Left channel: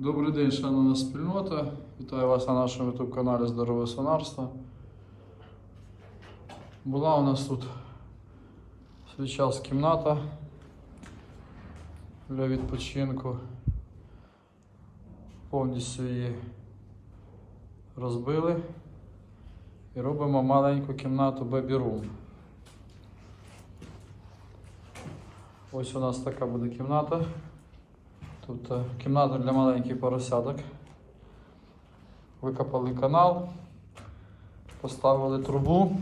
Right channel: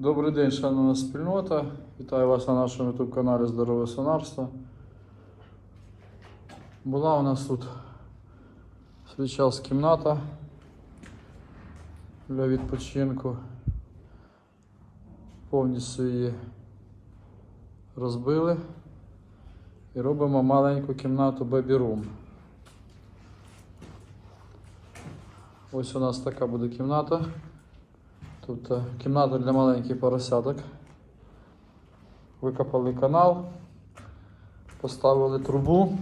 Добрий день, шановна спільнота. Вітаю вас на нашому YouTube каналі Здорове Сонарство. Була у нас тут свій кімната для відпочинку. Повністю її розбили і робимо маленьку кімнату Baby Room. Ось у нас така буде кімната. Тут е, кімната для маленьких поросяток. Викопали канал, поставили трубу,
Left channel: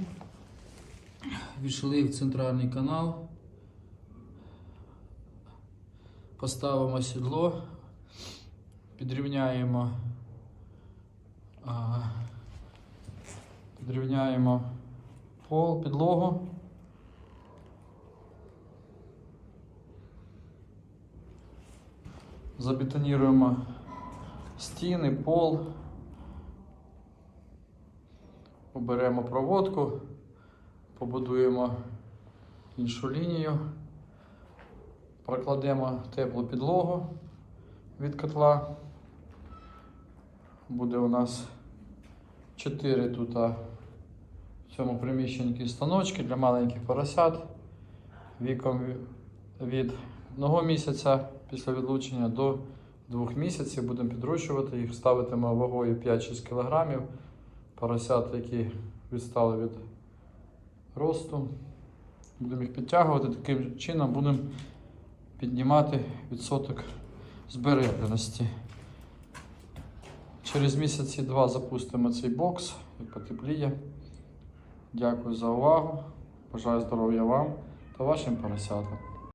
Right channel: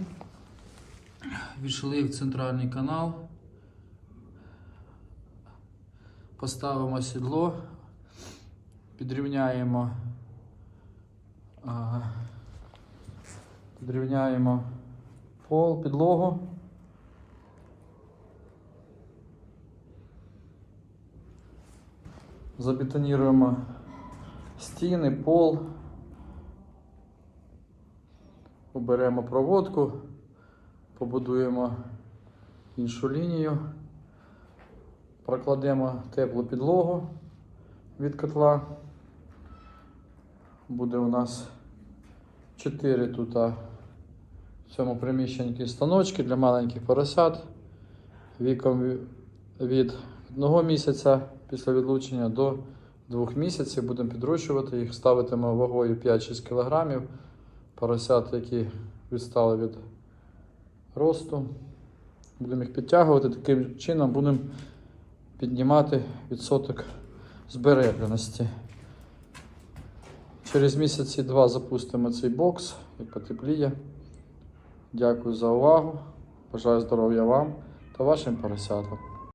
війшли в центральний канал, поставимо сідло, підрівняємо, е, підрівняємо пол, підлогу. Забетоніруємо стіни, пол. Уберемо проводку, побудуємо іншу лінію, прокладемо теплу підлогу від котла. Буде у нас 4 тут в цьому приміщенні станочки для маленьких поросят віком від одного місяця після відлучення до двох місяців. Будемо підрощувати їх, ставитимо вагою 5-6 кг. Поросят, які відстали від росту. Будемо їх підтягувати, таким чином будемо піднімати відсоток збереженості. Через місяці два запустимо цей бокс, як потепліє. Дякую за увагу. Бажаю здоров'я вам та вашим поросятам.